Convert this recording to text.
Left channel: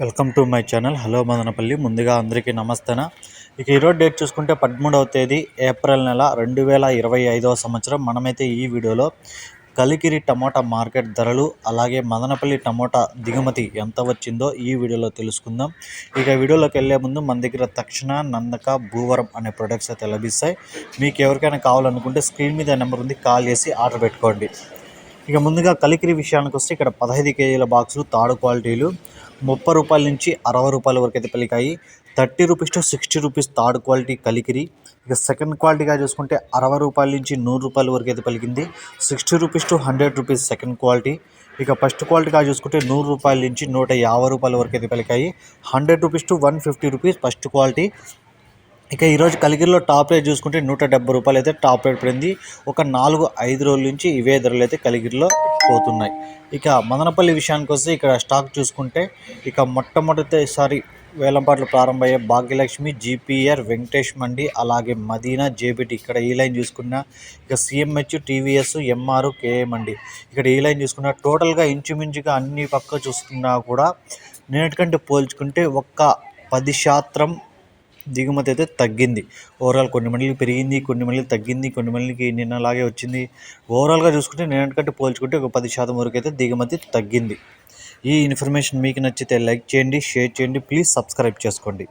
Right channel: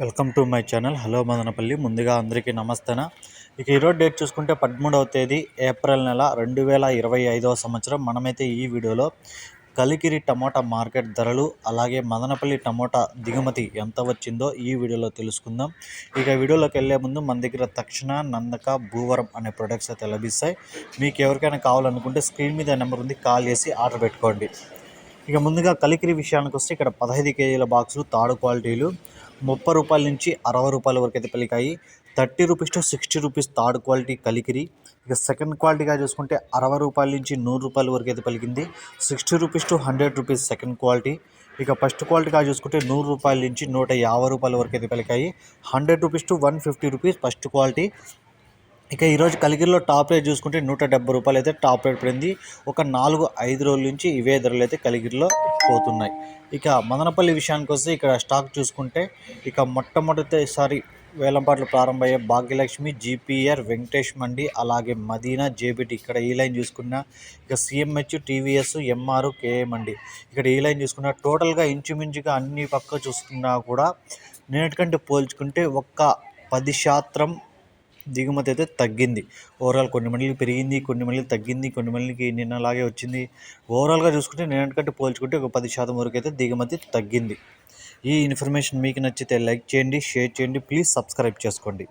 Welcome to my channel. Hello Madanapalle. ముందుగా అందరికీ నమస్తేనా. ఇక ఈరోజు డేట్ చూసుకుంటే పదమూడవ తేదీ ఏప్రిల్ నెల రెండు వేల ఇరవై ఐదవ సంవత్సరం. మనమైతే ఈ వీడియోలో కలికిరి టమోటా మార్కెట్ ధరలు అలాగే మదనపల్లి టమోటా దిగుమతి ఎంత వచ్చిందో ఈ వీడియోలో తెలుసుకుందాం. ఇక వీడియోలోకి వెళ్ళే ముందు మన దగ్గర తక్షణ నందక భూవరం అనే ప్రొడక్ట్స్ అయితే లభిస్తాయి. మీకు ఎవరికైనా కావాలనుకుంటే స్క్రీన్ మీద నెంబర్ ఉంది కాల్ చేసి ఆర్డర్ పెట్టుకోండి. ఇక ముందుగా కలికిరి విషయానికి వస్తే ఇక్కడ పదహైదు కేజీల బాక్సులు తాడు క్వాలిటీలు. ముప్పై రూపాయల నుంచి అరవై రూపాయల వరకు అయితే పలికాయి thirty rupees to sixty rupees third quality Kalikiri. ఇక సెకండ్ క్వాలిటీగా చూసుకుంటే అరవై రూపాయల నుంచి నూరు రూపాయల వరకు అయితే పలికింది sixty rupees to hundred rupees second quality. ఇక ఫస్ట్ క్వాలిటీగా చూసుకుంటే నూరు రూపాయల నుంచి నూట యాభై రూపాయల వరకు అయితే పలికాయి. Hundred rupees to one fifty rupees first quality. ఇక ఈరోజు కలిగిరిలో టాప్ రేట్ చూసుకుంటే నూట డెబ్బై రూపాయలు అయితే టాప్ రేట్ పడింది. ఒక నాలుగు ఐదు రోజుల నుంచి ఇవే ధరలు అయితే కలిగిరిలో పోతున్నాయి. ఇక మదనపల్లి విషయానికి వస్తే ఇక్కడ స్టాక్ చూసుకుంటే ఇక మొట్టమొదటిసారి వేలంపాట్లు ప్రారంభమయ్యే భాగ్యలక్ష్మి జీపీఆర్ వెంకటేష్ మండి అలాగే మదీనా జేబిటి ఇక్కడ ఈ లైన్ చూసుకున్న ఇక సిఎంహెచ్ టీవీఎస్ ఎంఆర్ కేఏ మండి. ఇక్కడ ఈ లైన్ చూసుకున్న టోటల్గా ఇంచుమించుగా అన్ని పక్క చూసుకున్నా కూడా నేటికంటే పోల్చుకుంటే ఒక్క పది శాతం దిగుమతి అయితే తగ్గింది. ఓవరాల్ కొన్ని మండలికి పెరిగింది కొన్ని మండలికి తగ్గింది కొన్ని మండలికి నిన్నలాగే వచ్చింది. ఓవరాల్గా చూసుకుంటే నిన్నటికంటే పోల్చుకుంటే ఒక పది శాతం వరకు అయితే దిగుమతి తగ్గింది. ఈ ఇన్ఫర్మేషన్ మీకు నచ్చితే లైక్ చేయండి షేర్ చేయండి ప్లీజ్ సబ్స్క్రైబ్ చేసుకోండి.